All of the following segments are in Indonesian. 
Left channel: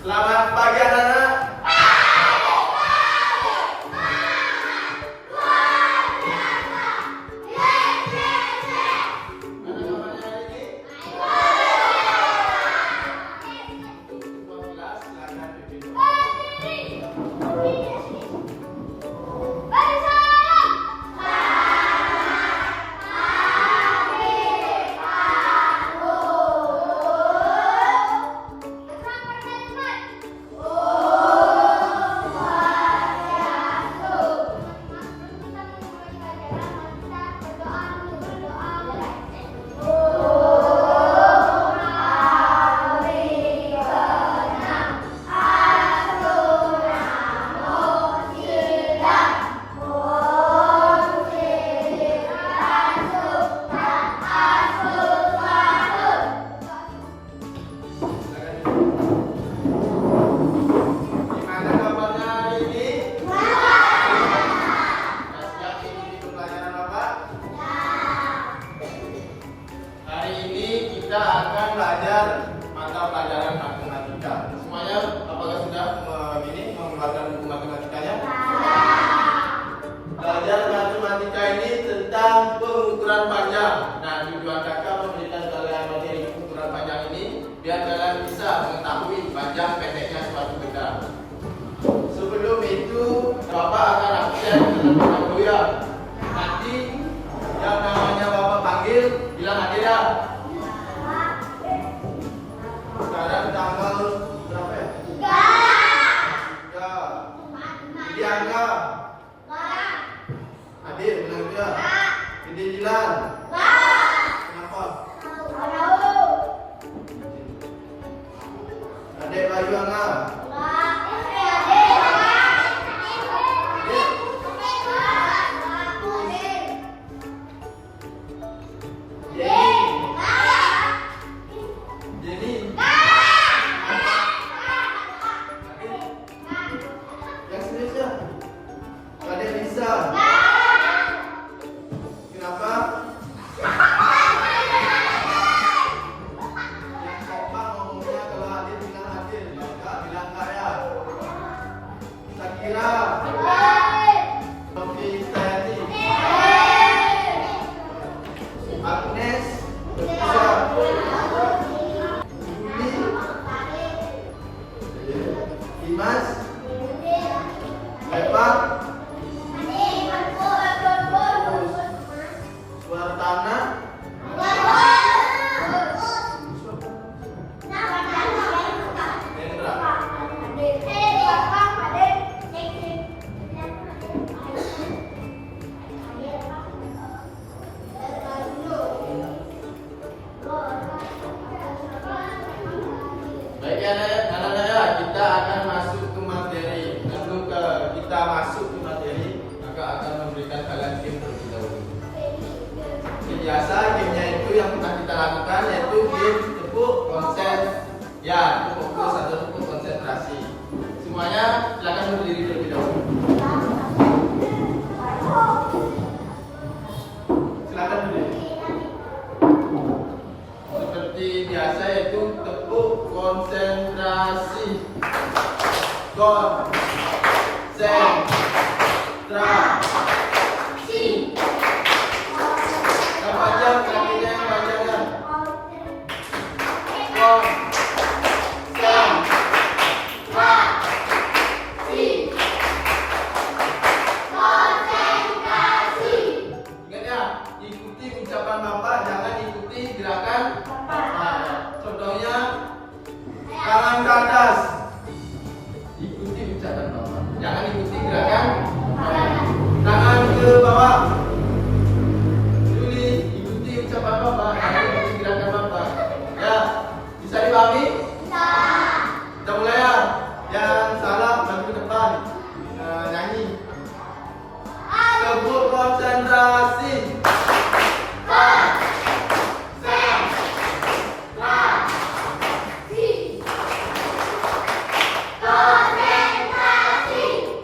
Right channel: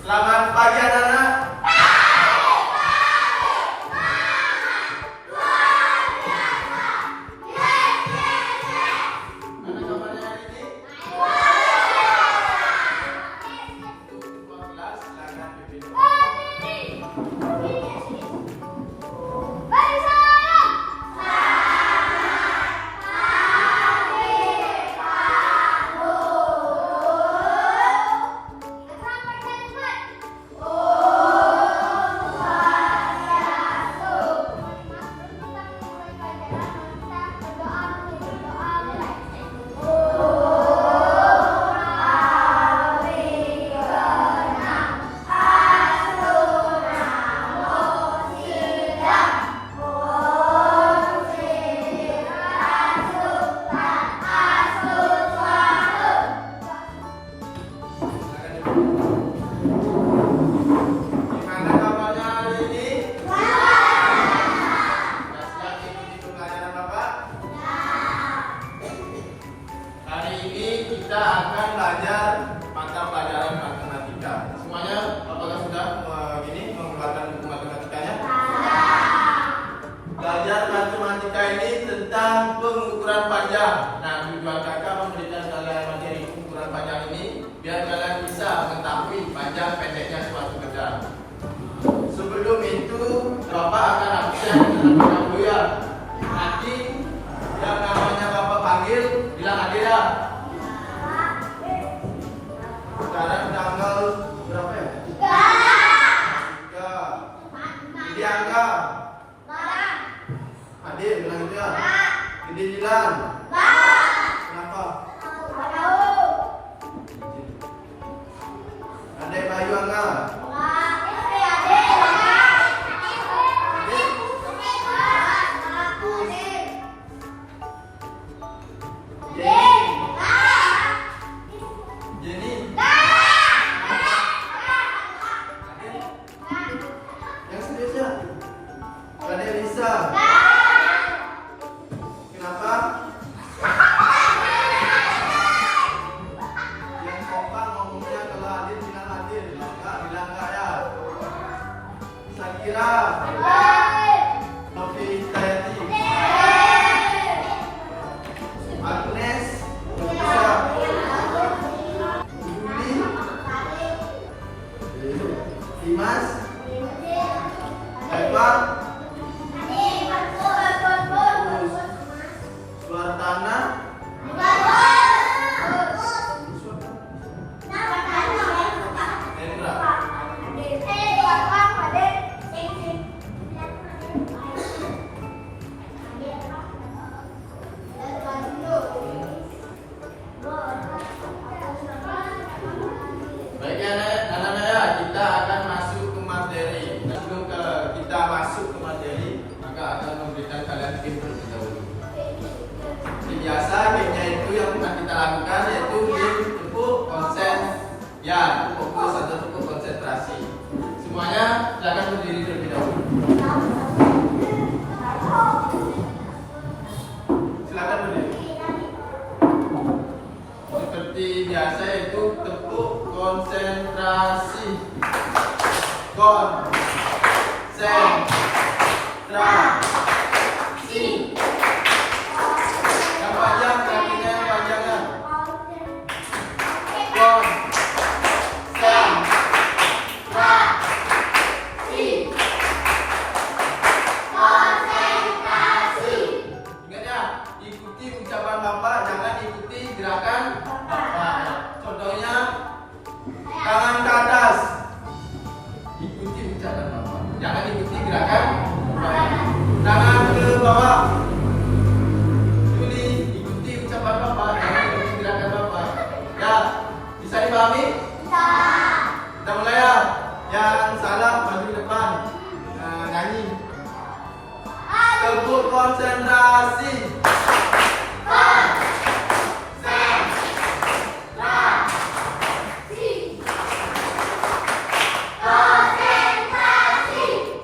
Selamat pagi anak-anak. Mana kabarnya hari ini? Untuk kelas silakan pimpin. Gimana kabarnya hari ini? Siap ikuti pelajaran Bapak? Hari ini kita akan belajar mata pelajaran matematika. Semuanya apakah sudah mengeluarkan buku matematikanya? Belajar matematika ini tentang pengukuran panjang. Nah, tujuan kakak memberikan kalian materi pengukuran panjang ini biar kalian bisa mengetahui panjang pendeknya suatu benda. Sebelum itu, Bapak akan absen terlebih dahulu ya. Nanti yang namanya Bapak panggil bilang hadir ya. Sekarang tanggal berapa ya? 3. Jadi angka. Hadir bilang juga. Gede Dilan. Kenapa? Adek baju angka. Jenny. Yang serius ya? Adek Lisa. Kenapa? Yang kompak ngomongnya kalau hadir bilang hadir, enggak bilang enggak ya. Sakira. Sofi Tayati. Agnes. Lisa. Juli. Dimas. Eva. Suartana. Hendra. Baik anak-anak ya, kita akan masuk ke materi. Sebelum kita masuk ke materi, maka akan memberikan kalian game terlebih dahulu. Biasa gamenya itu yang pernah kita lakukan yaitu game tepuk konsen. Ya, fokus atau tepuk konsentrasi. Semuanya silakan berdiri terlebih dahulu. Silakan berdiri. Seperti biasa itu tepuk konsentrasi. Konsentrasi. Yang panjang kakinya yang panjang ya. Konsentrasi. Ingat ya, ikuti ucapan Bapak, jangan ikuti gerakan Bapak ya. Contohnya tangan ke atas. Ikuti ucapan Bapak. Jangan ikuti gerakan Bapak. Tangan ke bawah. Juli, ikuti ucapan Bapak. Jangan ikuti gerakan Bapak. Ya, bisa dipahami? Bisa. Kita mulai ya. Yang salah maju ke depan. Nyanyi. Tepuk konsentrasi.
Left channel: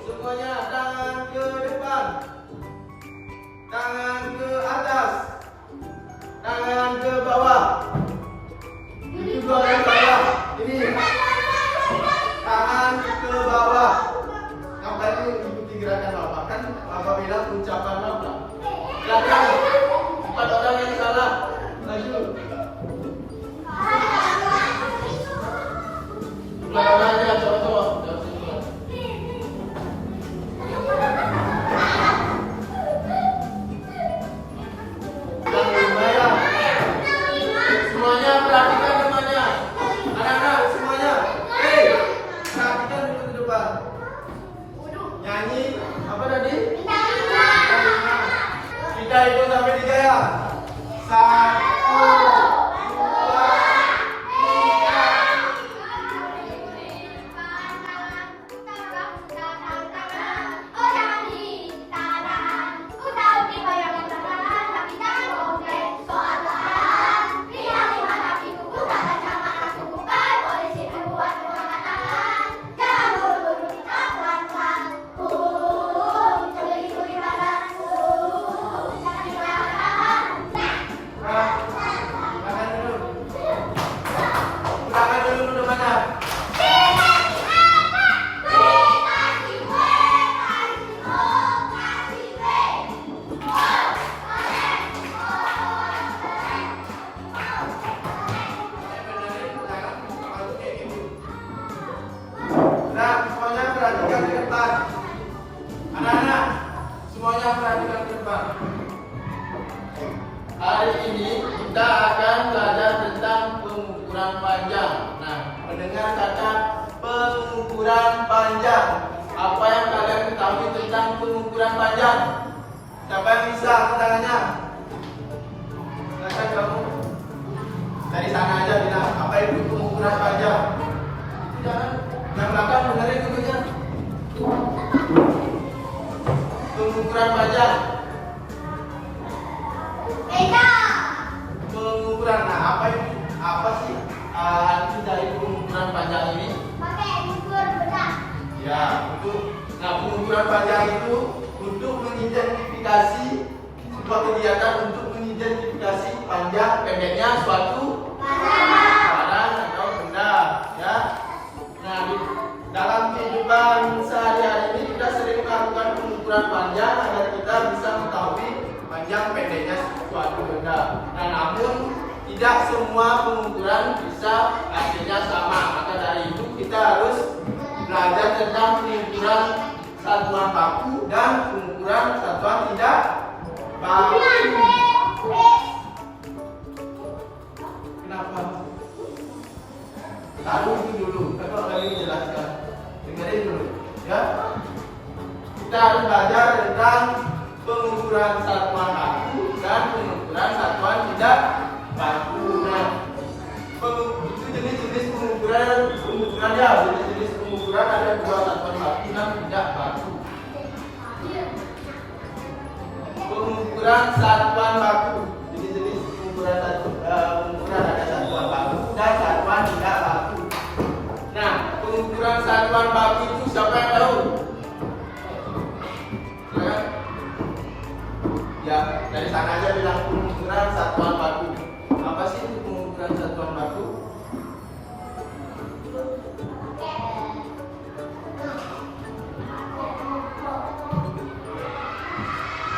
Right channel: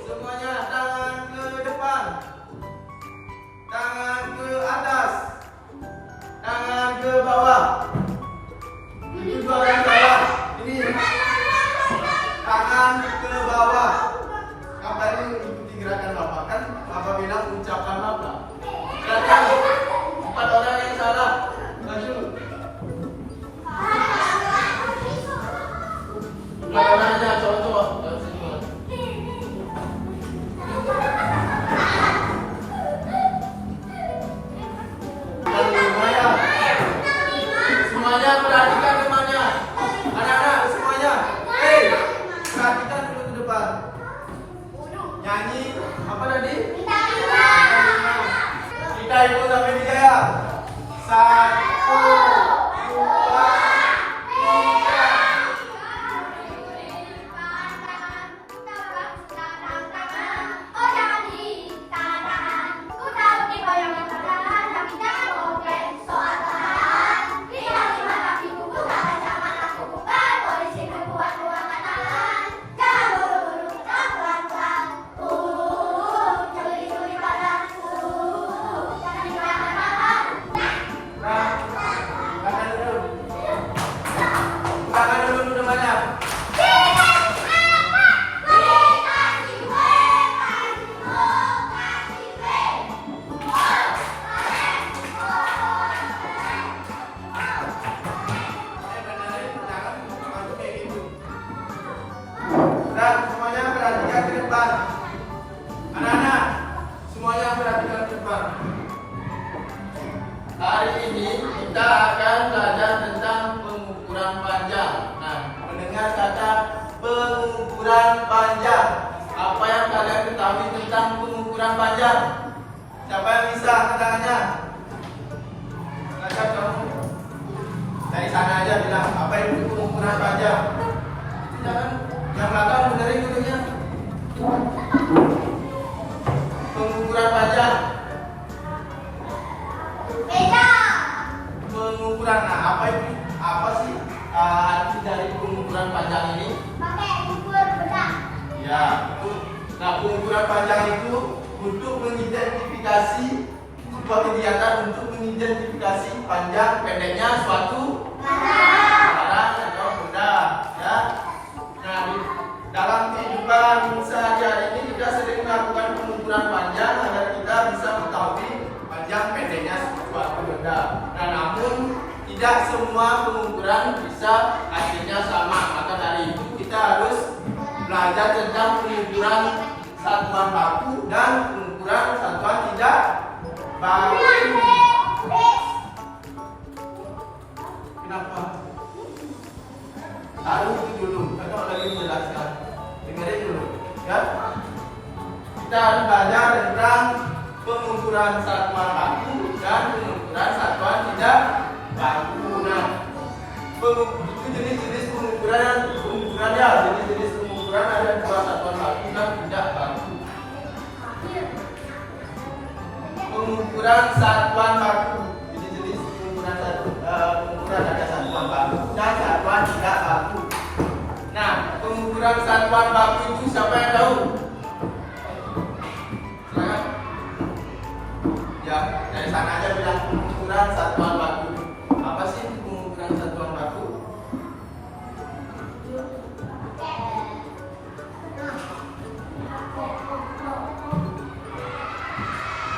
Semuanya tangan ke depan. Tangan ke atas. Tangan ke bawah. Itu dua orang bawah. Ini. mana aja coba. Semuanya perhatikan temannya. Anak-anak semuanya. Hei, perhatikan dulu ke depan. Nyanyi apa tadi? Kita hitung sampai 3 ya. 1, 2, 3. Semuanya perhatikan ke depan. Anak-anak, semuanya perhatikan ke depan. Hari ini kita akan belajar tentang pengukuran panjang. Nah, mendengar kata pengukuran panjang. Apa yang kalian ketahui tentang pengukuran panjang? Siapa yang bisa angkat tangannya? Silakan kamu. Dari sana aja bilang, apa itu pengukuran panjang? Jangan yang belakang dengerin dulunya. Pengukuran panjang. Beda. Pengukuran, nah apa sih arti dari pengukuran panjang ini? Pakai ukur benar. Ya, itu. Nah, pengukuran panjang itu untuk mengidentifikasi sebuah kegiatan untuk mengidentifikasi panjang pendeknya suatu barang atau benda, ya. Nah, dalam kehidupan sehari-hari ini kita sering melakukan pengukuran panjang agar kita bisa mengetahui panjang pendeknya suatu benda. Nah, namun tidak semua pengukuran bisa hasilnya sama. Maka dari itu kita harus belajar tentang pengukuran satuan baku dan pengukuran satuan tidak baku. Kenapa? Taruh itu dulu, atau lagi menjelaskan. Dengerin dulu, ya. Kita harus belajar tentang pengukuran satuan baku dan pengukuran satuan tidak baku. Nah, itu jenis-jenis pengukuran ya. Jenis-jenis pengukuran ada 2, satuan baku dan tidak baku. Pengukuran satuan baku. Jenis-jenis pengukuran ada satuan baku dan satuan tidak baku. Nah, pengukuran satuan baku itu siapa yang tahu? Silakan. Ya, dari sana aja bilang pengukuran satuan baku. Apa sih itu pengukuran satuan baku?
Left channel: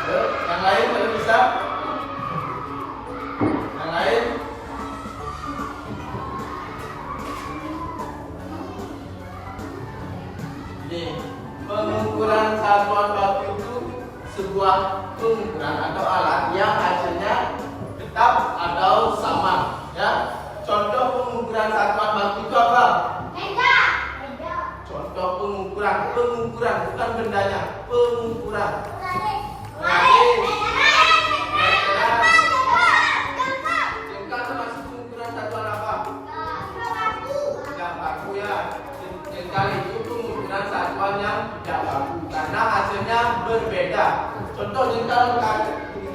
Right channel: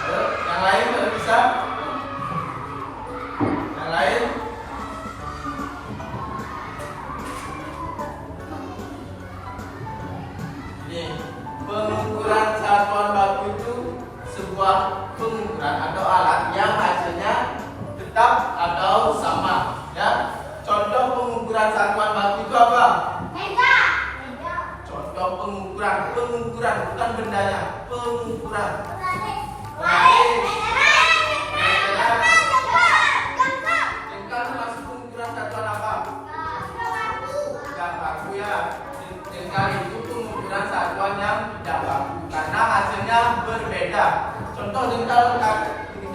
Ayo, yang lain kalau bisa. Yang lain. Ini pengukuran satuan baku itu sebuah pengukuran atau alat yang hasilnya tetap atau sama, ya. Contoh pengukuran satuan baku itu apa? Beda. Contoh pengukuran bukan bendanya, pengukuran. Jengkal itu masih pengukuran satuan apa? Tidak baku, ya. Jengkal itu pengukuran satuan yang tidak baku karena hasilnya berbeda. Contoh jengkal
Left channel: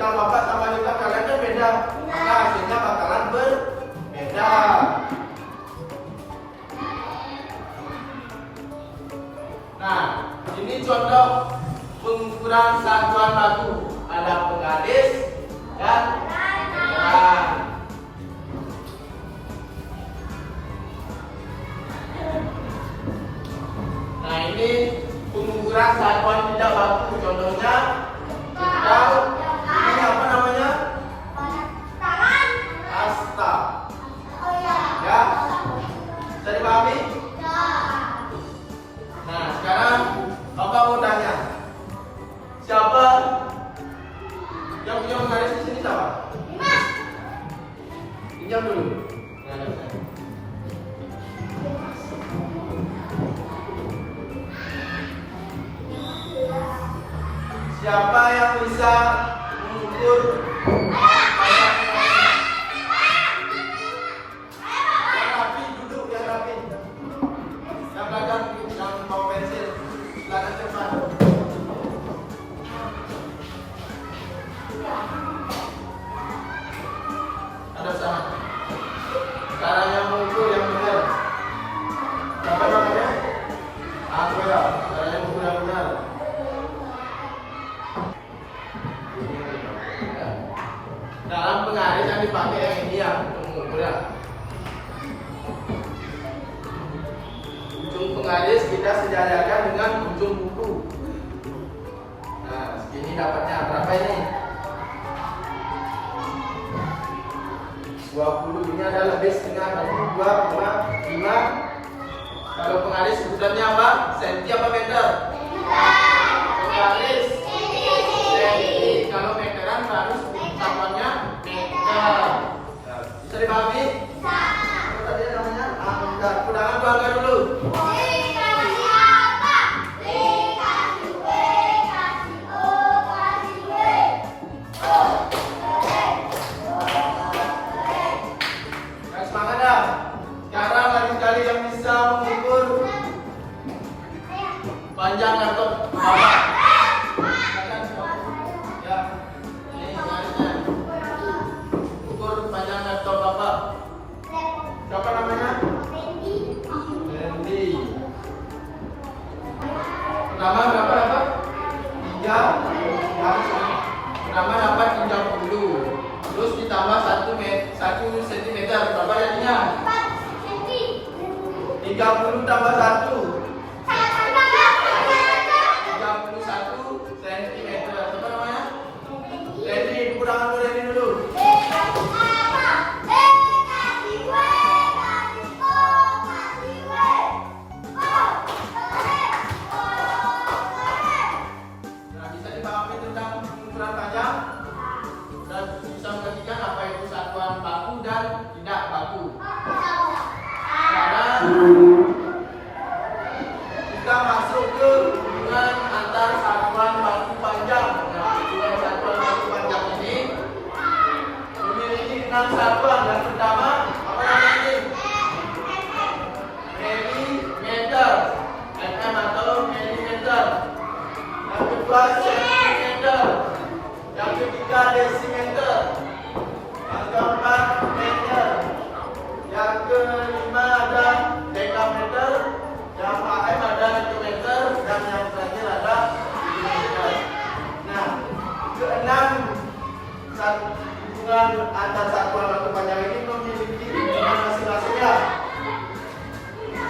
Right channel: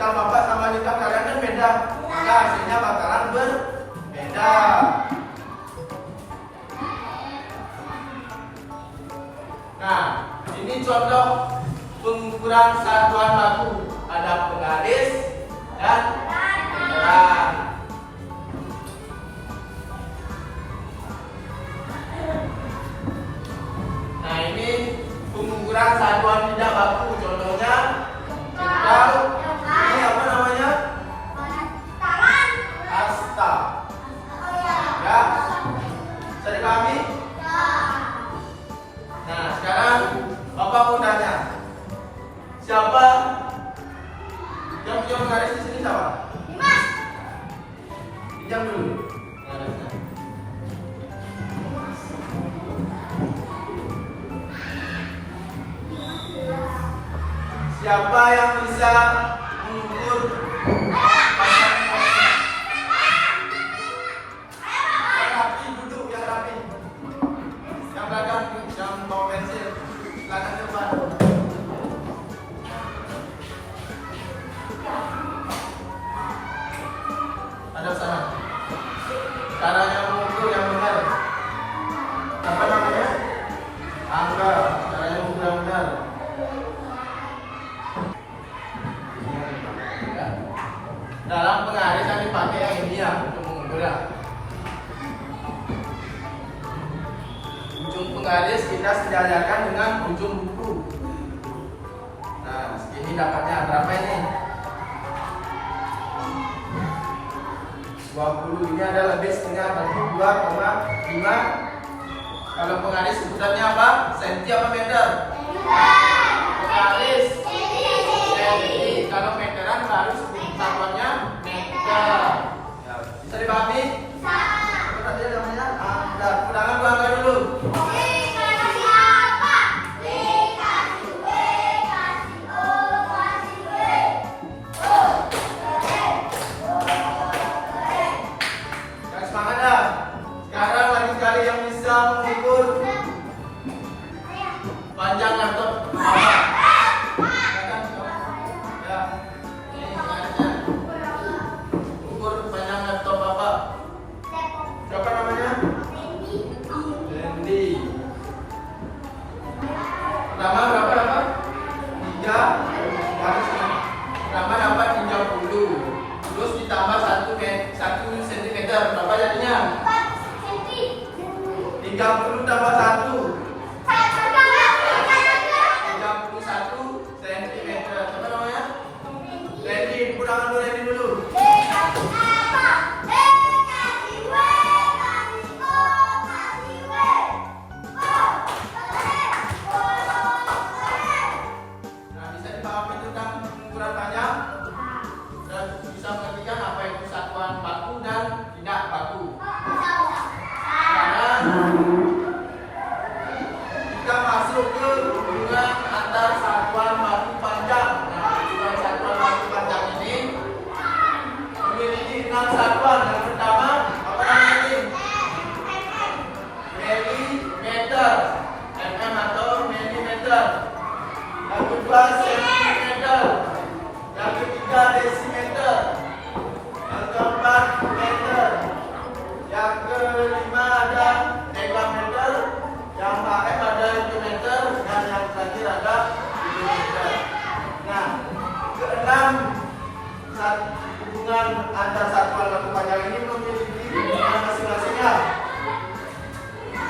bapak sama jengkal kalian kan beda, maka hasilnya bakalan berbeda. Nah, ini contoh pengukuran satuan baku. Ada penggaris dan meteran. Nah, ini pengukuran satuan tidak baku. Contohnya jengkal. Ini apa namanya? Asta. Ya, bisa dipahami? Siapa yang bisa mengukur panjang ini? Yang rapi duduk, yang rapi. Yang belakang, yang bawa pensil. Belakang depan. Hadap sana. Cara yang mengukur yang benar. Apa namanya? Angka. Cara yang mengukur yang benar. Dalam pengaris yang dipakai yang ini ya untuk mengukur ya. Ujung pengaris kita sejajarkan dengan ujung buku. Nah, segini dapatnya berapa ini? 20. Ini ada lebih setengah, tadi 2,5. Kalau pengaris sebutannya apa? Senti apa meter? Pengaris senti. Kalau meteran baru satuannya meter. Ya, bisa dipahami? Tadi namanya angka. Udahan dua angka dulu. Yang semangat dah. Sekarang lagi sekali yang bisa mengukur panjang laptop. Ya. Ini pengarisnya. Ukur panjang laptop Bapak. Siapa namanya? Randy. Pertama berapa dapat? 3. Pertama dapat 30. Terus ditambah 1 cm. Berapa jadinya? 30 tambah 1. 31 cm. Siapa namanya? Randy. Kurangan dulu Randy dulu. Nah, bisa dipahami tentang ukuran panjang dan bisa mengertikan apa itu satuan baku dan tidak baku. Karena kita masuk ke hubungan antar satuan baku panjang. Nah, hubungan satuan baku panjang ini memiliki 6 satuan. Yang pertama apa namanya? Milimeter, mm atau milimeter. Yang kedua sentimeter. Yang ketiga desimeter. Yang keempat meter. Yang kelima ada dekameter. Yang keenam ada hektometer. Dan yang terakhir ada milimeter. Nah, keenam hubungan antar satuan baku panjang ini memiliki hubungan masing-masingnya.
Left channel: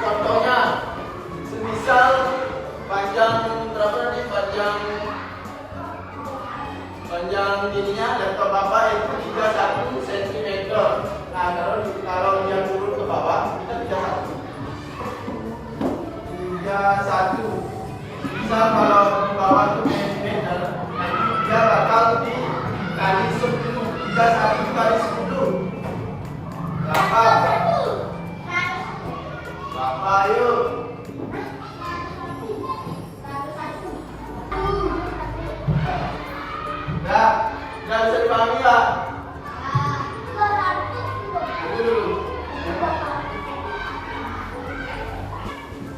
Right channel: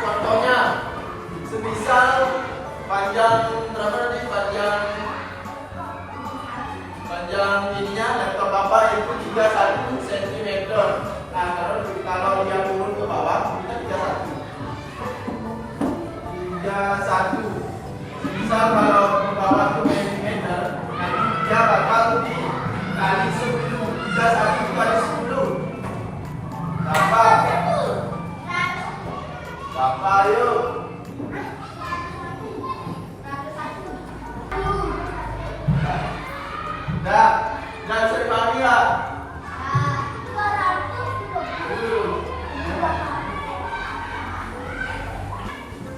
Contohnya, semisal panjang berapa tadi? Panjang ininya laptop Bapak itu 31 cm. Nah, kalau dia turun ke bawah kita 31. Misal kalau di bawah itu milimeter, nanti dia bakal dikali 10. 31 kali 10. Berapa? Berapa yuk? Nah, nggak bisa dipahami ya?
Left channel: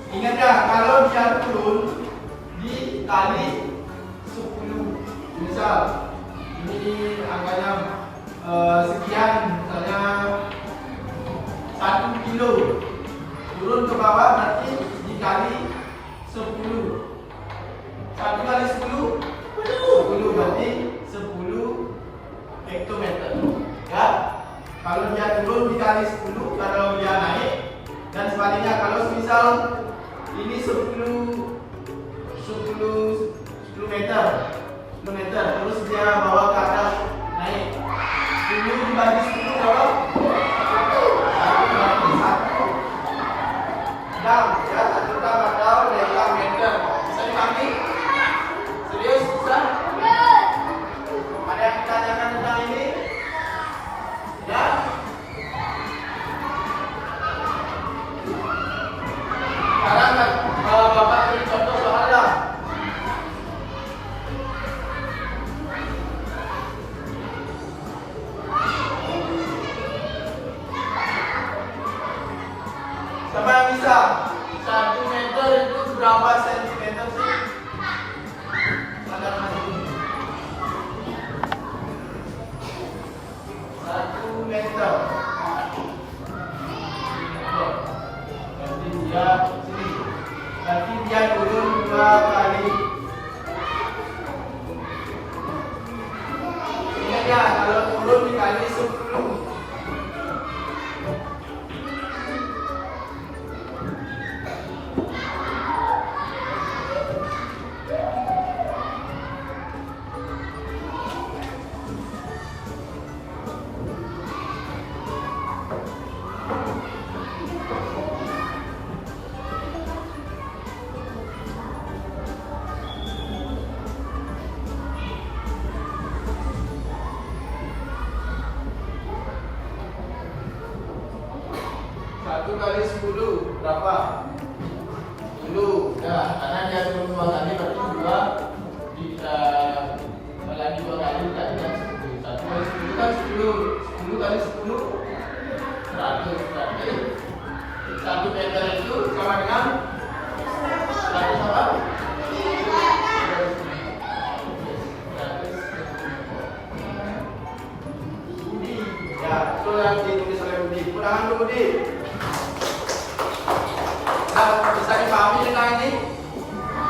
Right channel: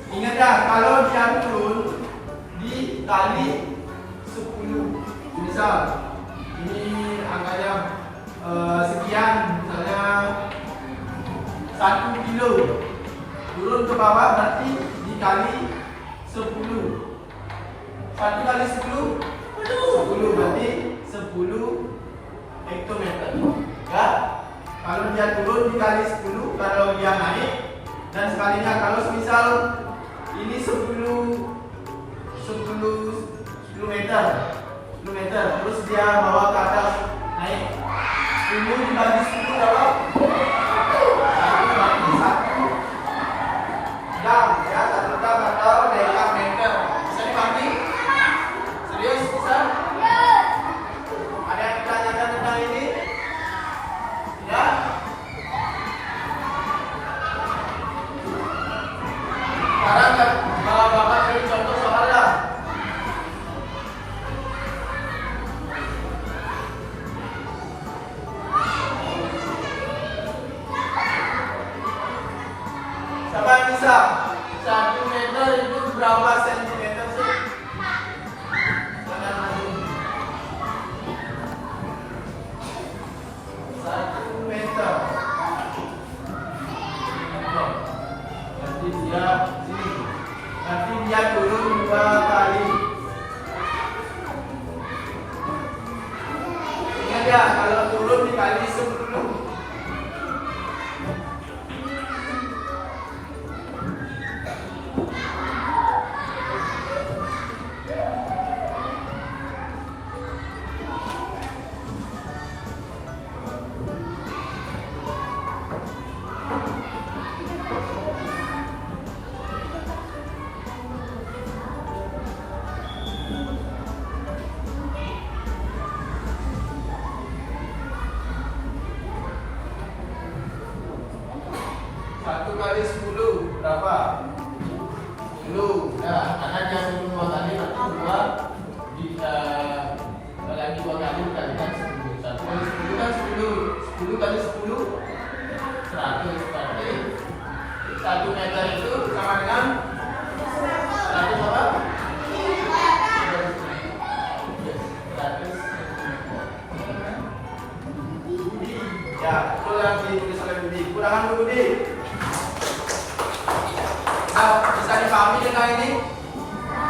Ingat ya, kalau dia turun dikali 10. Misal ini angkanya sekian, misalnya 1 kilo. Turun ke bawah berarti dikali 10. 1 kali 10 berarti 10 hektometer. Ya. Kalau dia turun dikali 10, kalau dia naik, dan sebaliknya kalau misal ini 10 meter, terus dia bawa ke atas naik. 10 dibagi 10 berapa? 1 jam, ya, 1 jam atau dekameter. Bisa dipahami? Serius? Bisa? Ada yang ditanyakan tentang ini? Ya? Sekarang kalau Bapak beri contoh soal lah. meter itu berapa sentimeter sih? Silakan. 1 meter. Nanti dia turun 2 kali. Ingat ya, kalau turun dikali 10. Satu kali 10 berapa? 10. Nah, karena dia turun 2 kali berarti 2 lagi 2 kali dikalikan 10. 1 kali 10 kan 10. 10 kali 10 100. Berarti 1 meter itu sama dengan 100 apa? 100 Budi. Ya, itu yang ditulis oleh Budi. Kurangan Budi. Nah, bisa dipahami dengan ini?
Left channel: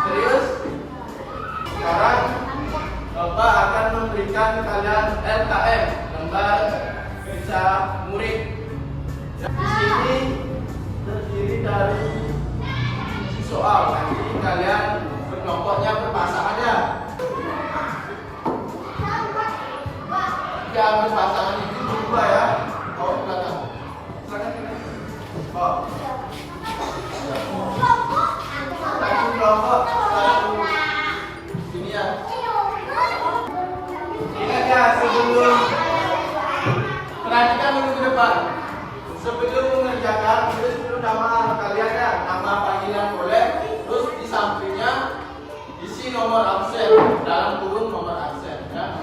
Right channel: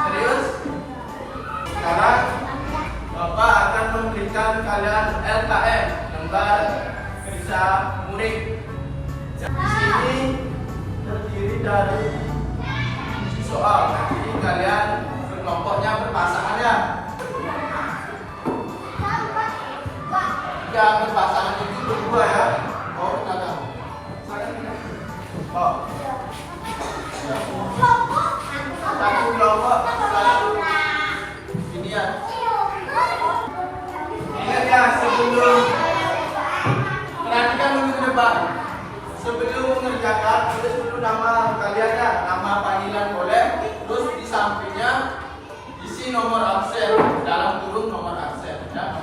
Serius? Sekarang Bapak akan memberikan kalian LKM, lembar kerja murid. Di sini terdiri dari soal. Nanti kalian kelompoknya berpasangan ya. Tiga berpasangan itu berdua ya. Oh, silakan. Oh. Satu kelompok, satu ini ya. Ingat ya, sebelum perhatikan dulu ke depan. Sebelum mengerjakan, tulis dulu nama kalian ya, nama panggilan kolek. Terus di sampingnya isi nomor absen dalam kurung nomor absen ya.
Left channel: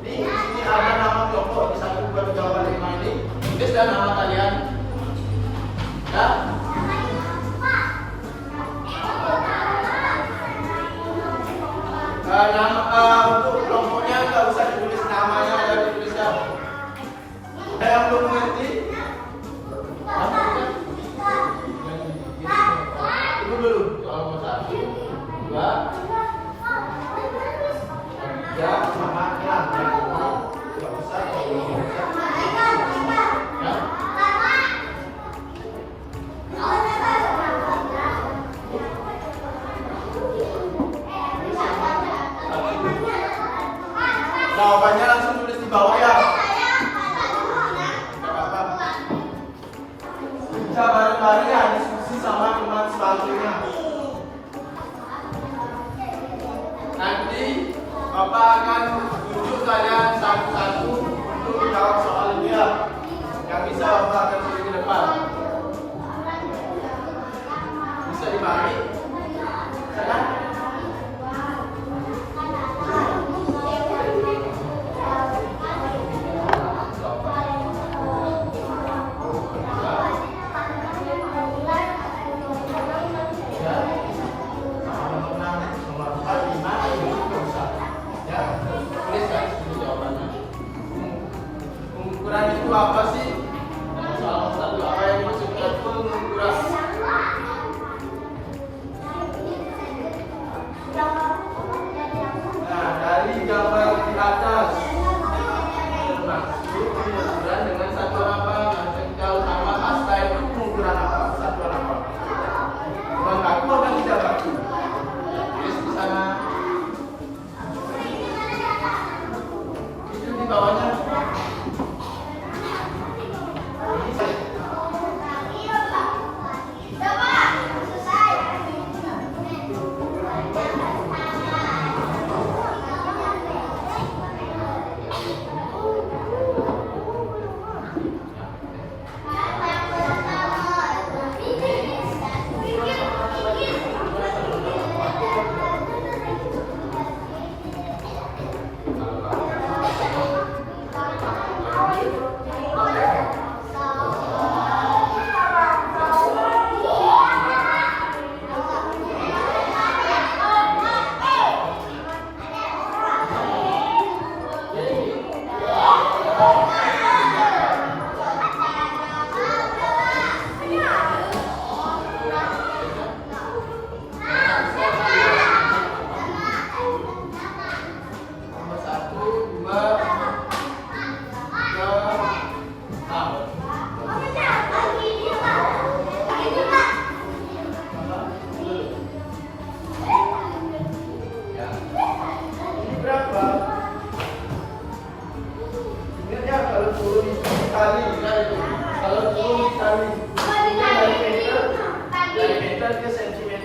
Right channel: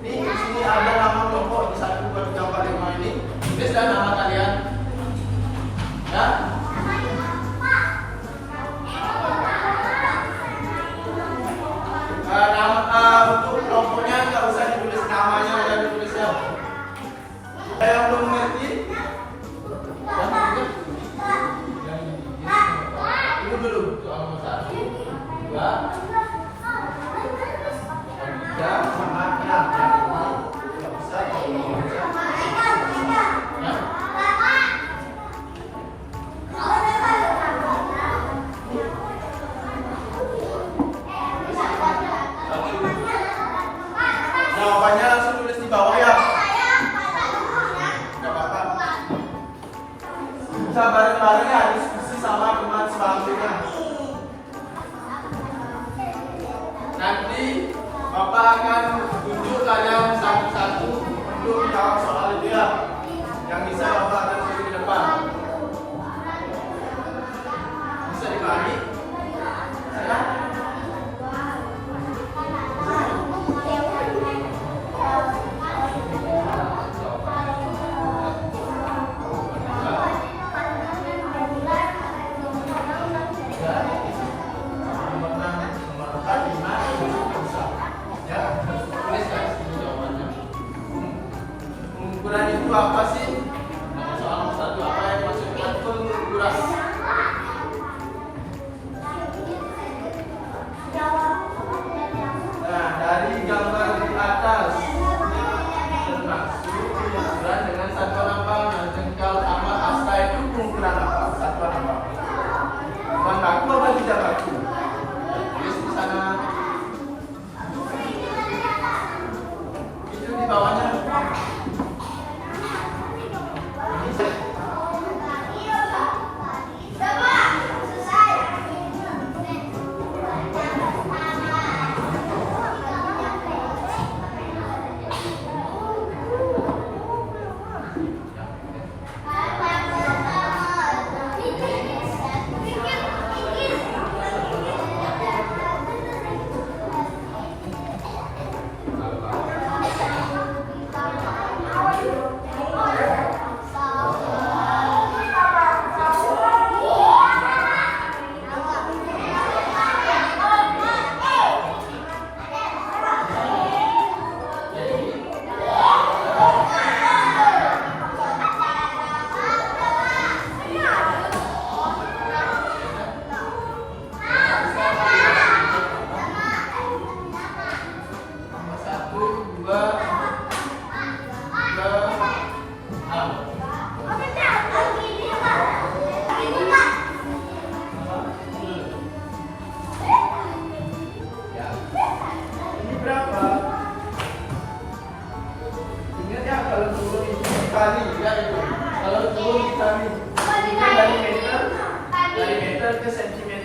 Di sini ada nama kelompok di satu berjawab lima ini. Tulis dan nama kalian ya. Untuk kelompoknya nggak usah ditulis namanya aja ditulis ya. Ada yang belum mengerti? Tunggu dulu soal nomor 1, 2, 3, sama 6. Nggak usah jawabannya langsung tulis di bawah ya. Gak apa-apa. Bisa bareng-bareng ya diskusi sama teman selanjutnya. Nanti Bapak akan tunjuk kalian satu-satu untuk menjawab soal dia. Yang bisa Bapak akan tulis di depan. Bisa dipahami? Ya? Itu apa sih? Soal nomor 1 apa yang dimaksudkan pengukuran? Nah, dari gambar di atas termasuk pengukuran dengan satuan apa? Jengkal tambah hasta itu pengukuran apa? Satuan apa? Bukan baku apa tidak baku? Tulis di sana. Itu di bawahnya.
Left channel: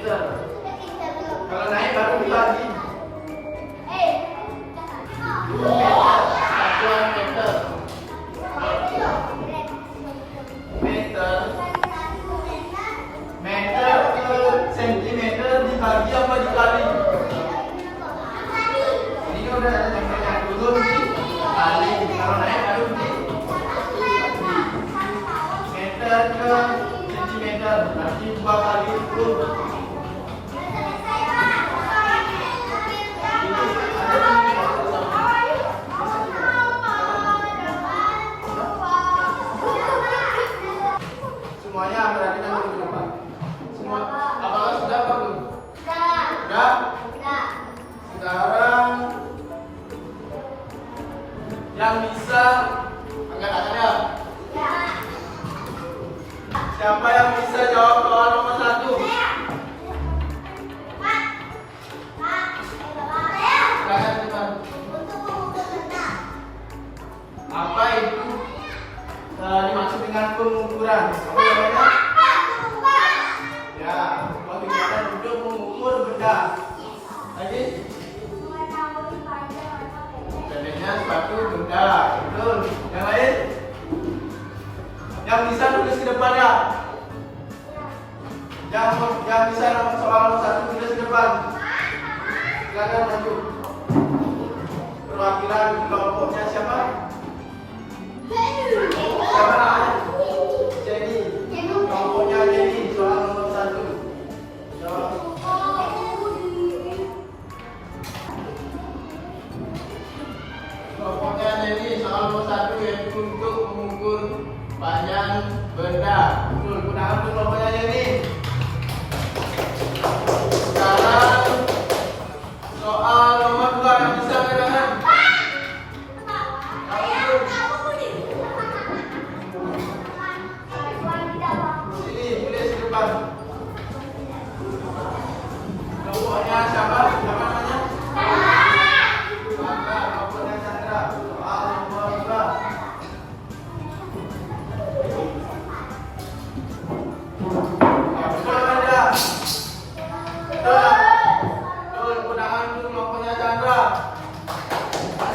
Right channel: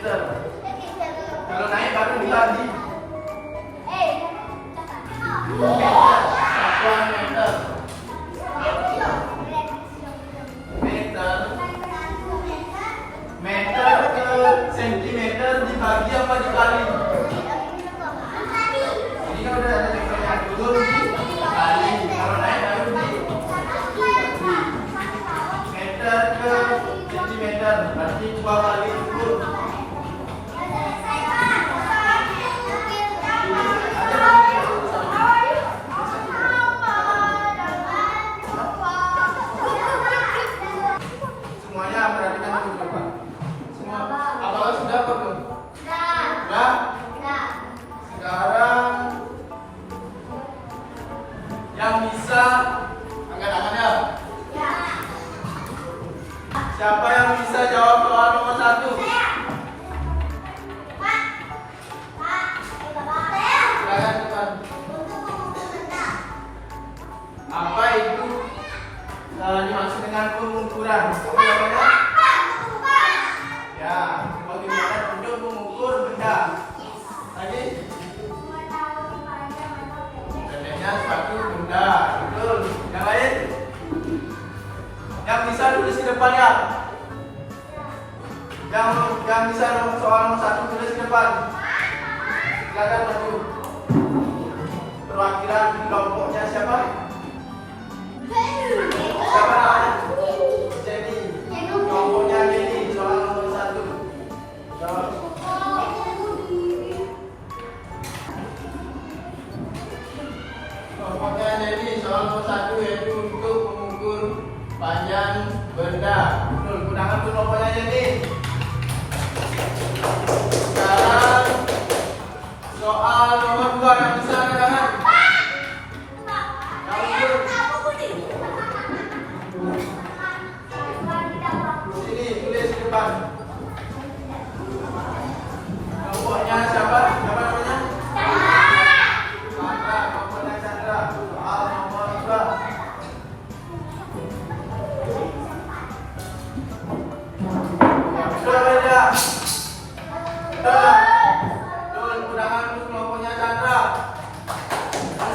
meter. Kalau naik baru lagi. Satuan meter. Meter. Meter ke sentimeter dibagi apa dikali? Ini udah ada yang dulu dikali. Kalau naik baru di meter ke sentimeter. Berarti 2 kali 10. Semuanya perhatikan dulu depan. Semua apakah sudah apa belum? Sudah? Sekarang yang bisa angkat tangannya. Siapa yang bisa jawab soal nomor 1? Silakan depan. Apa itu dimaksud dengan pengukuran? Apa namanya? Ya, bagaimana untuk mengukur benda? Lagi? Pendeknya suatu benda, betul. Yang lain? Yang bisa tulis ke depan ya? Yang bisa soal nomor 1 tulis ke depan. Silakan maju. Perwakilan kelompoknya siapa? Siapa namanya? Jenny. Kelompoknya Jenny, soal nomor 1. Jawab. Kelompoknya Jenny, soal nomor 1 yaitu untuk mengukur panjang benda. Betul, gunakan dulu kelompoknya Jenny. Sekarang soal nomor 2 yang bisa angkat tangan. Sini tulis di depan. Kelompoknya siapa? Siapa namanya? Chandra. Kelompoknya Chandra. Soal nomor 2. Betul beda. Betul. Betul, undangan untuk kelompoknya Chandra.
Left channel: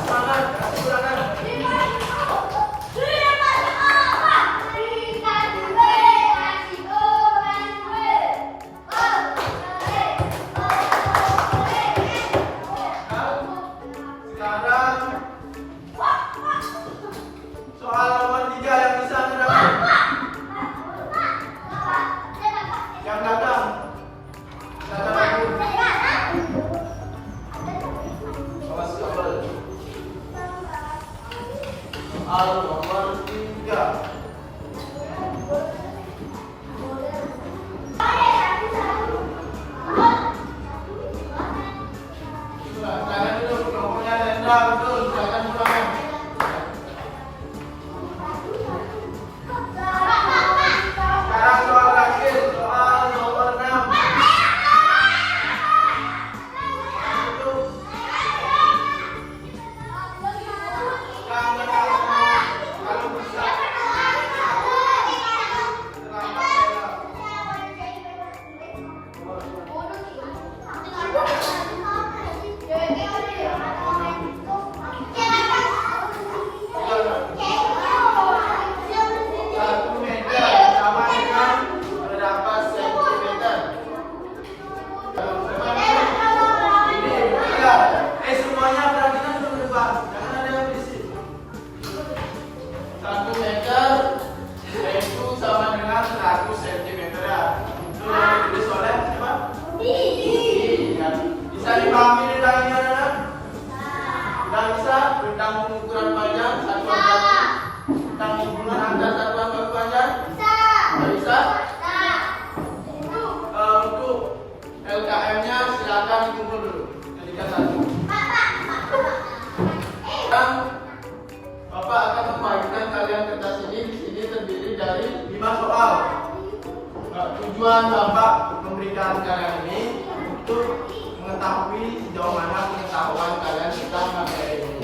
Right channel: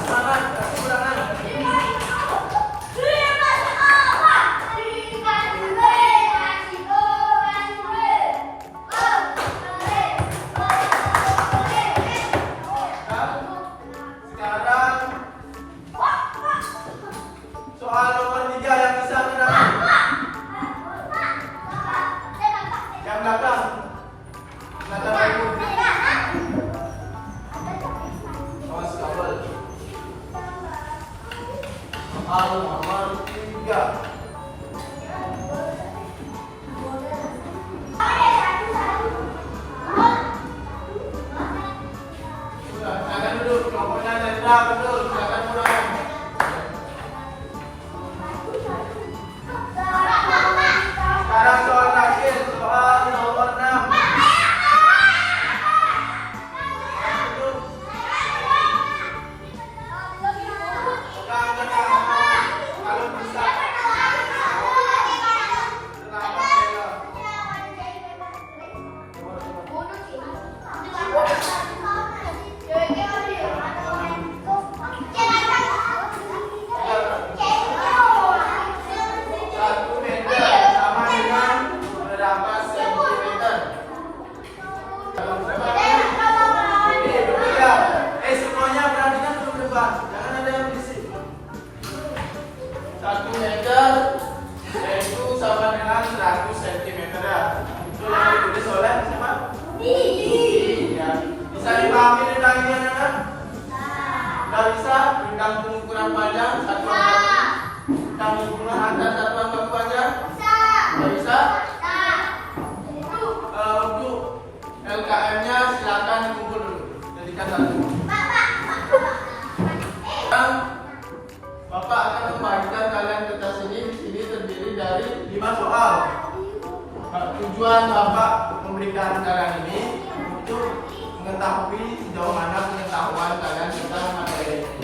Semangat, kasih ulangan. Sekarang soal nomor 3 yang bisa mendapat. Yang belakang. Belakang aku. Awas kabel. Soal nomor 3. Silakan duduk, kelompoknya Nendra, betul. Silakan ulangan. Sekarang soal terakhir, soal nomor 6. Kalau bisa. Selamat ya. Satu meter sama dengan berapa sentimeter? Ini berbeda. Semuanya perhatikan dulu depan. Jangan ada yang berisik. 1 meter yaitu sama dengan 100 cm ya. Itu yang ditulis oleh siapa? Ya. Bisa dipahami rentangnya kan? Tidak bisa rentang pengukuran panjang satuan baku. Rentang hubungan antar satuan baku panjang. Tidak bisa. Untuk LKM-nya silakan kumpul dulu. Jadikan satu. Sekarang Bapak akan membagikan kalian kertas ini. Di sini terdiri dari 5 soal. Tujuan Bapak memberikan kalian ini untuk mengetahui sejauh mana pengetahuan kalian tentang materi ini.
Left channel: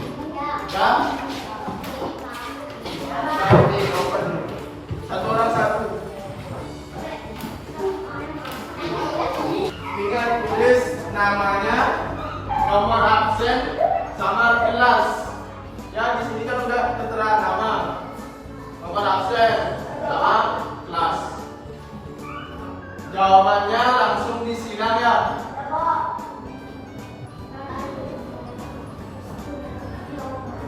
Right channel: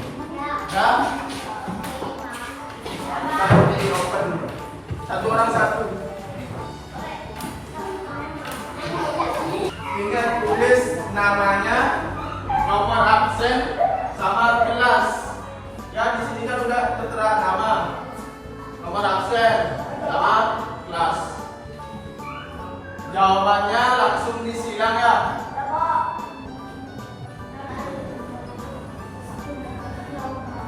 Dan di open. Satu orang satu. Ingat tulis namanya, nomor absen, sama kelas. Ya, di sini kan sudah tertera nama, nomor absen, sama kelas. Jawabannya langsung disilang ya.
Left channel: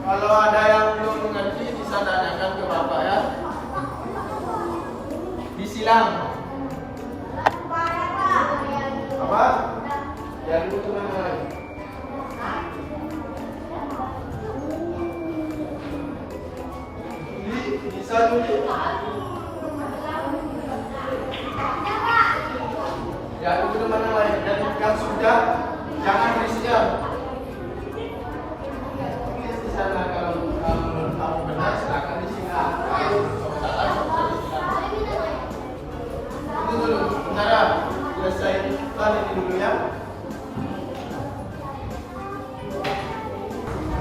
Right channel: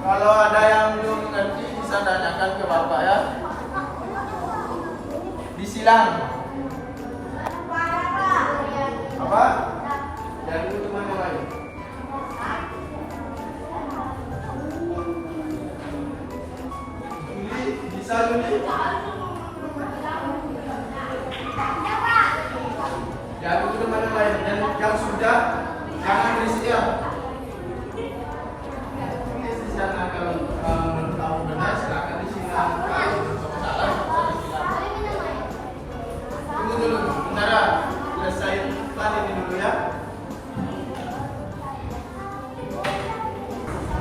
Kalau ada yang belum mengerti bisa tanyakan ke Bapak ya. Disilang. Apa? Jangan dulu teman yang lain. Juli, bisa Juli? Jangan dulu teman yang lain. Dan yang sudah, jangan berisikan. Tulis di sana kalau menurut kamu benar, silakan disilang. Kalau salah, disilang. Tunggu dulu, bentar ya. Selesai tadi dulu ya.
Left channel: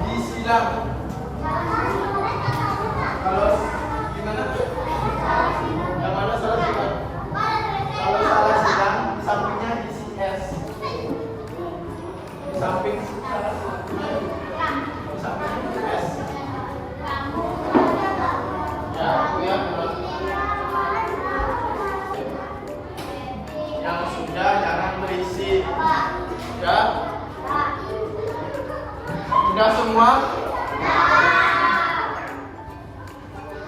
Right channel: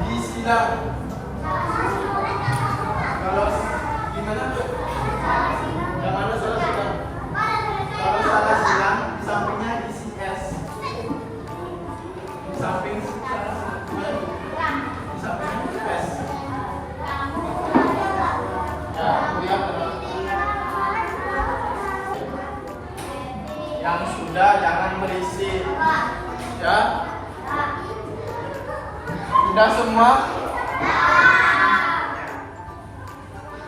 Disilang. Kalau gimana? Yang mana salah silang? Kalau salah silang, di sampingnya isi S. Di samping salah satunya, di samping S. Ya, aku lihat teman. Yang sudah jangan berisi. Ya. Sudah semua?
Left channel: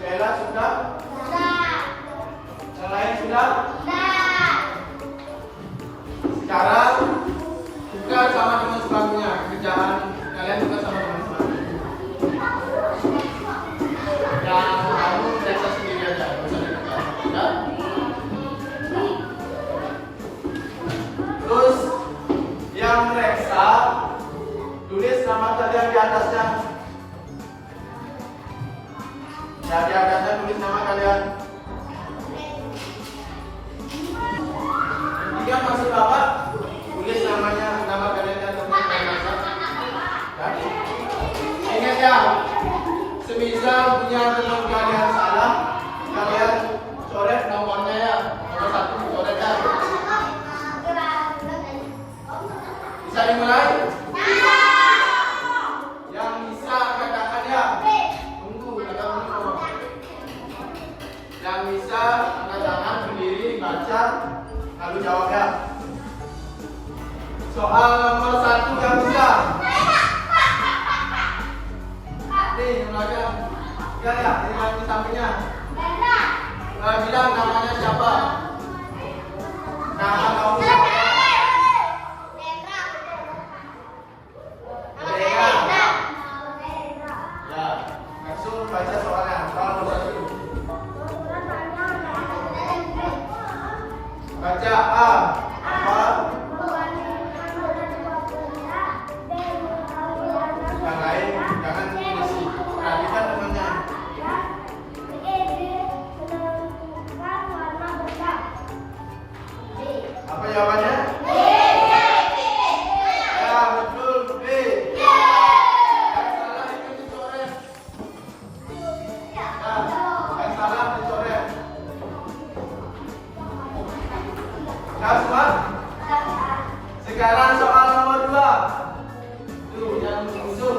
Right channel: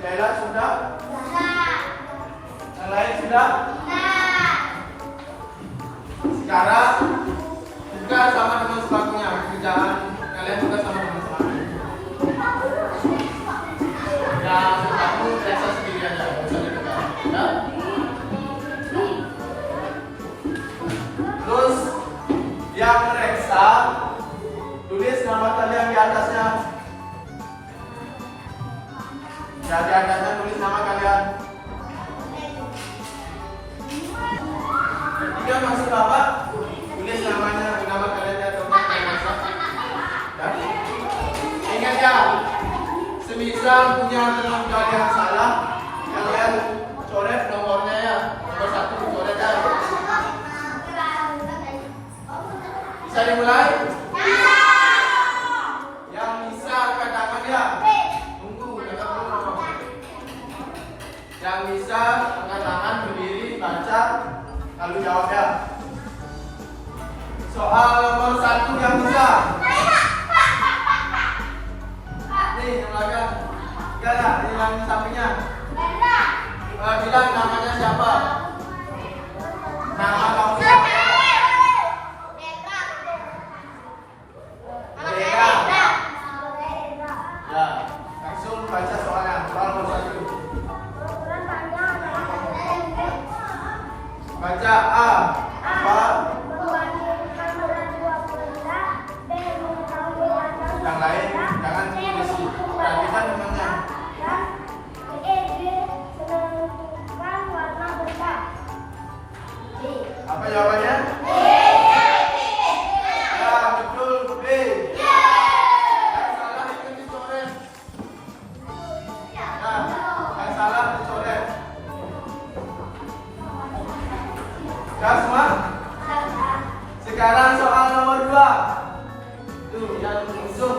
Bella sudah? Yang lain sudah? Sekarang juga sama dengan sebagainya. Kerjaan kalian juga sama dengan sebagainya. Dan kamu periksa sendiri aja, nggak usah dekat. Ya? Terus yang reksa, tulis nama kalian di atasnya. Ya, di atasnya tulis nama kalian. Ketiga masih Bapak, tulis namanya, nama kalian di atasnya. Ya. Ingat ya, semisal punya teman kalian salah, kalian coret nomornya ya. Nomor 1 coret ya. Bisa dimulai? Yang bisa angkat tangan ya. Tunggu, jangan dulu. Yang bisa angkat tangan berdiri, baca, lalu jawab ya. Soal nomor 1 yang bisa. Nih, yang belakang. Enggak, yang di sampingnya. Bilang namanya siapa? Nama kamu siapa? Ya, langsung baca soalnya. Soal nomor 1. Baca A. Apa? Yang lain jangan berisi. Perhatikan namanya. Apa jawabannya? Ya, betul, B. Yang salah itu dicoret. Ya, yang salah dicoret. Ya semua? Sekarang soal nomor 2. Tuh, yang langsung.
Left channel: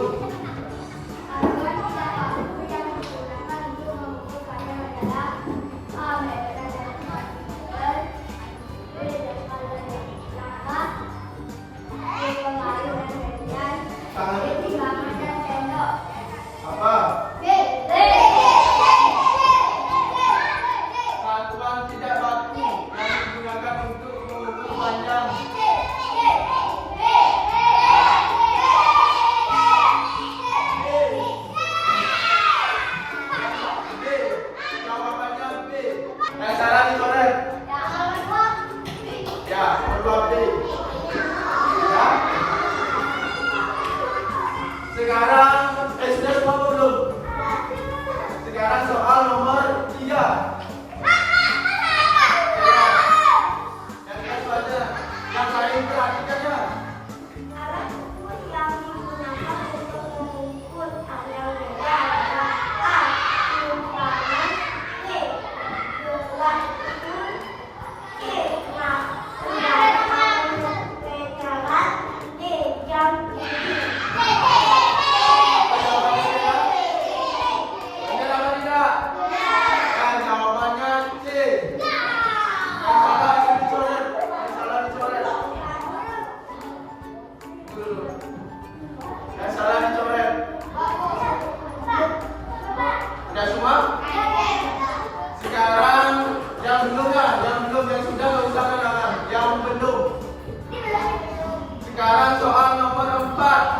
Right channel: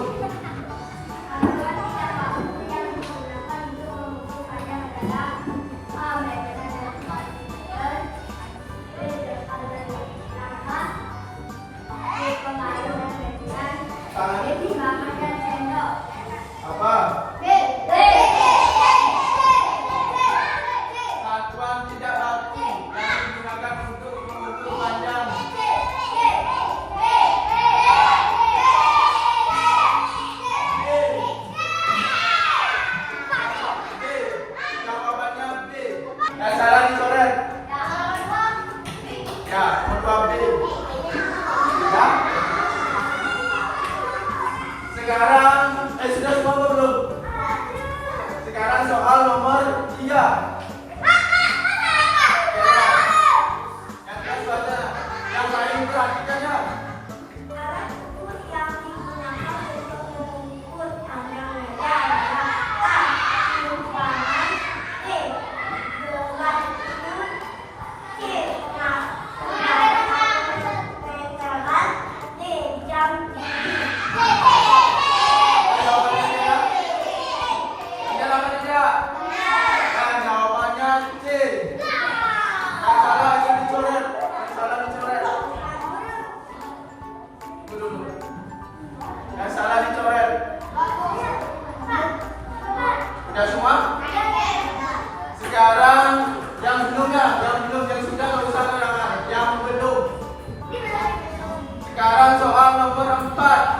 Apa? Satuan tidak baku yang digunakan untuk mengukur panjang. B. Jawabannya B. Yang salah dicoret. Ya, nomor 2 B. Ya. Sekarang sudah semua belum? Sekarang soal nomor 3. Yang aja. Yang lain perhatikan ya. Dulu. Yang salah dicoret. Udah semua? Sekarang yang belum yang sudah nggak usah kenangan. Yang belum. Sekarang soal nomor 4.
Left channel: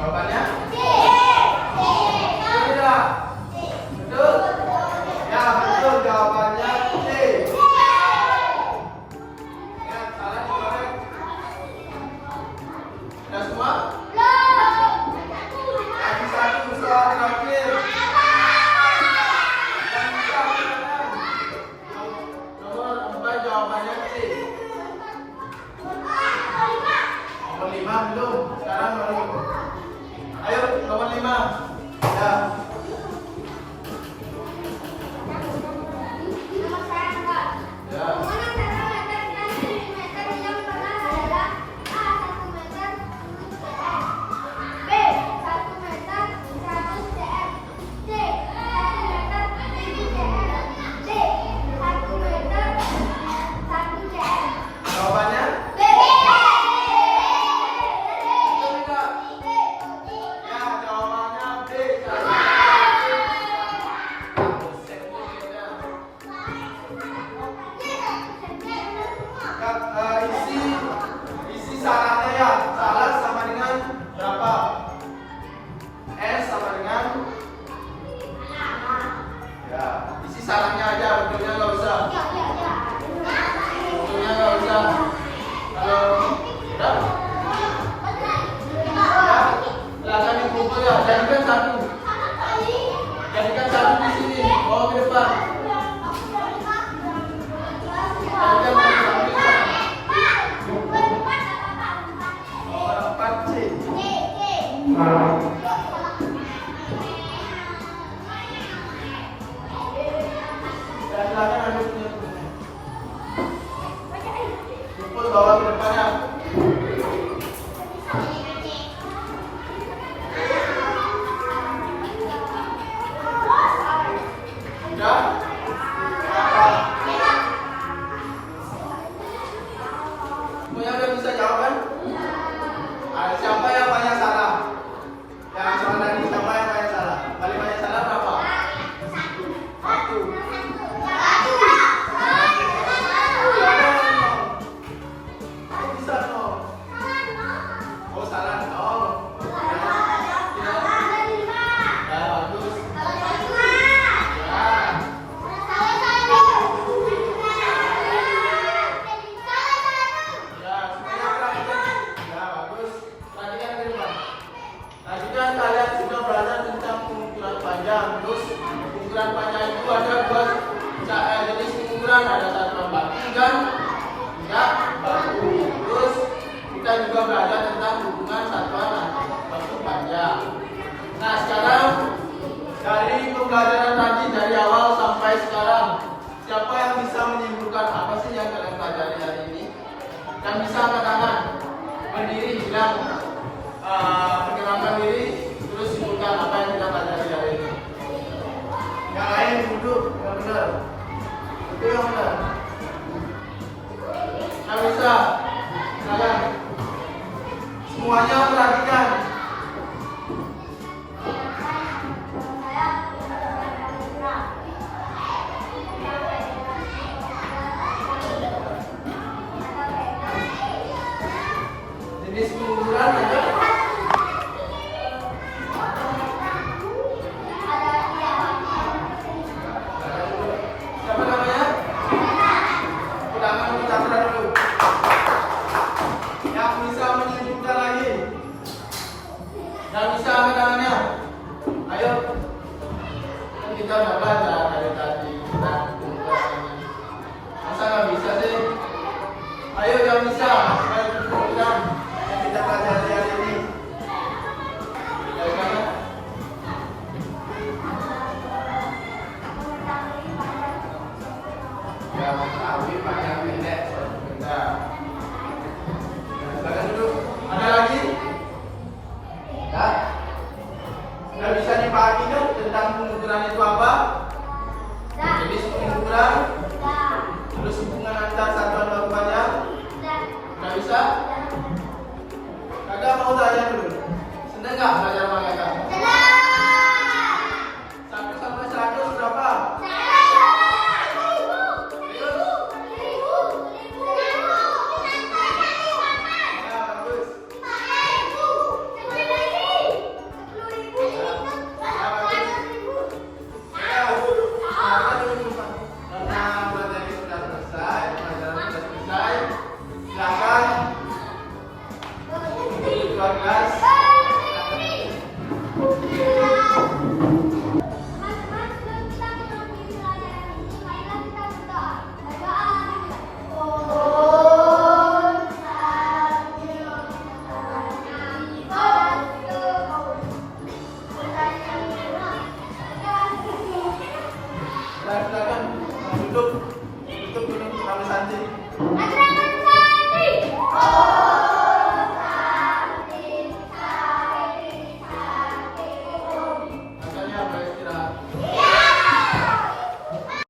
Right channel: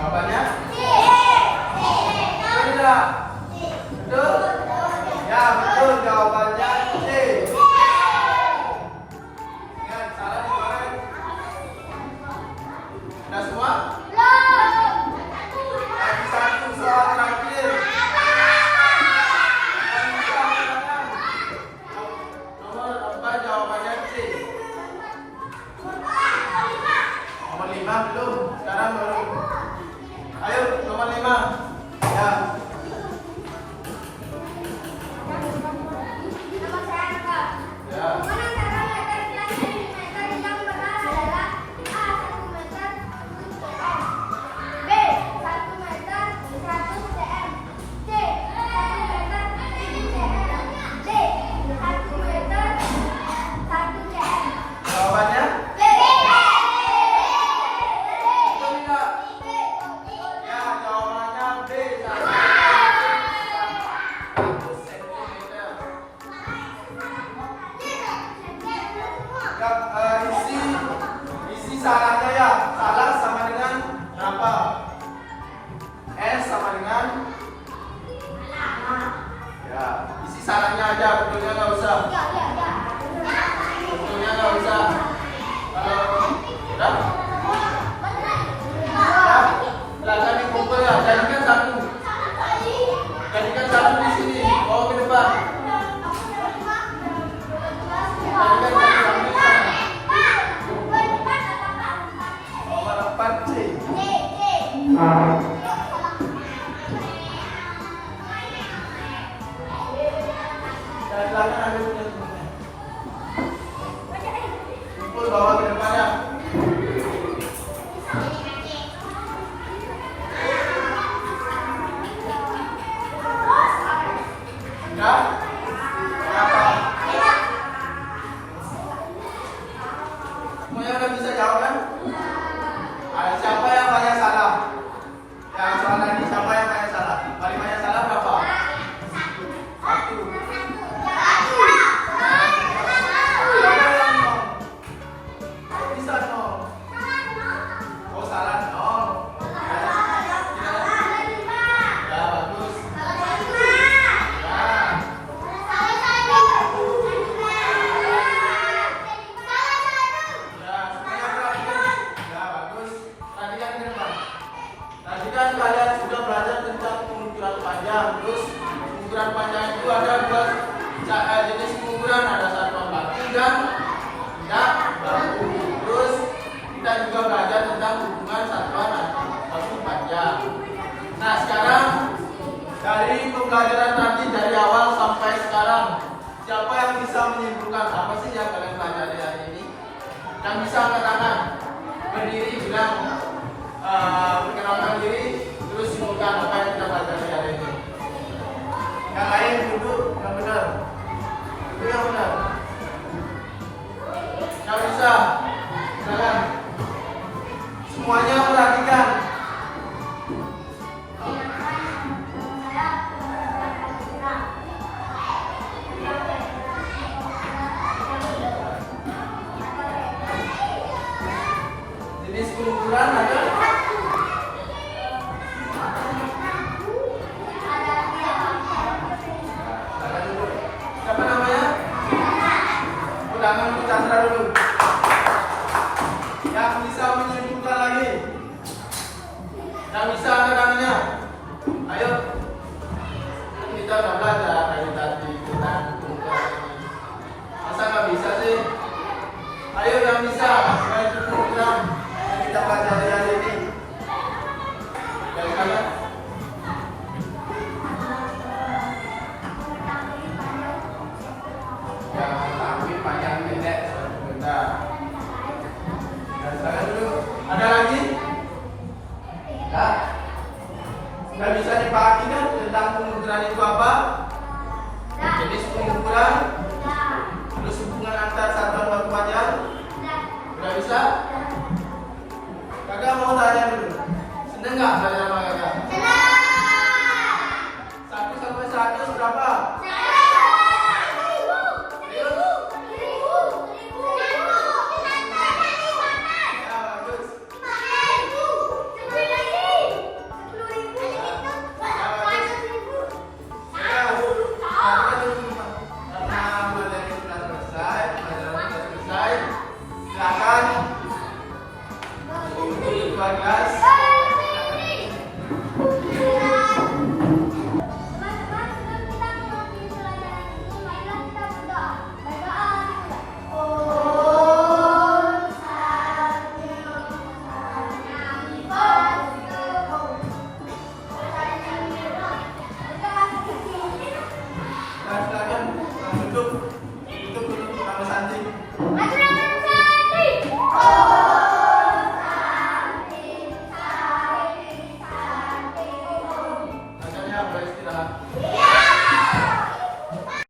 Jawabannya? Tidak. Betul? Ya, betul. Jawabannya C. Ingat, salah dicoret. Sudah semua? Lagi satu soal terakhir. Nomor 4 jawabannya C. Nomor 5 belum. Sekarang belum. Ayo, nomor 5. Ya. Ya. Jawabannya? Betul tidak? Ya, jawabannya B. Isi salahnya ya, salah sama dengan berapa? S sama dengan ya, isi salahnya aja, betulnya nggak usah. Betulnya nggak usah. Kalau udah, ya, silakan dikumpul ya. Jadikan satu. Jadikan satu di sini. Bawa ke depan. Jadikan satu di sana. Nomor 4 C. Dan silakan ambil punya. Kumpul bawa ke depannya. Sudah? Berapa? Semuanya udah bisa jawab kan? Siapa yang banyak salah? Yang soal tadi siapa yang banyak salah? Paling banyak salah berapa? 1. Bisa nol. Oh, salah nol. Ya, bagus. Ya. Ya, semuanya perhatikan. Ya, bagus. Tadi kan gimana? Tadi kan kalian sudah belajar tentang pengukuran panjang. Terus pengukuran panjang itu ada dua jenis pengukuran, ada satuan baku dan tidak baku. Terus kita juga belajar tentang hubungan satuan baku panjang. Nah, sekarang dari pembelajaran tadi dari awal sampai sekarang, siapa yang bisa menyimpulkan apa sih yang kalian pelajari hari ini? Yang bisa angkat tangan, berdiri, bilang perkenalkan diri, terus simpulkan apa yang kita pelajari hari ini. Yang lain duduk, yang benar. Itu yang benar. Yang bisa, silakan. Semuanya perhatikan. Jenis pengukuran ada. Siapa namanya? Ulangan bicara dulu. Yang bisa menyimpulkan lagi. Yang bisa angkat tangannya. Ayo. Kan kita udah belajar dari tadi tentang pengukuran ini. Masa nggak bisa sih? Ayo yang bisa pengukuran yang kita pelajari hari ini. Dari mana? Ya, mengetahui panjang pendek. Bentar. Ya, silakan duduk. Ada lagi? Enggak? Nggak bisa dipahami kan tentang pengukuran itu apa? Jenis pengukuran, terus hubungan antar satuan waktu panjang. Udah bisa? Kakak mau tanya dulu. Seneng nggak belajar sama kakak? Satu sampai satu berapa? Duduk dulu sama santri.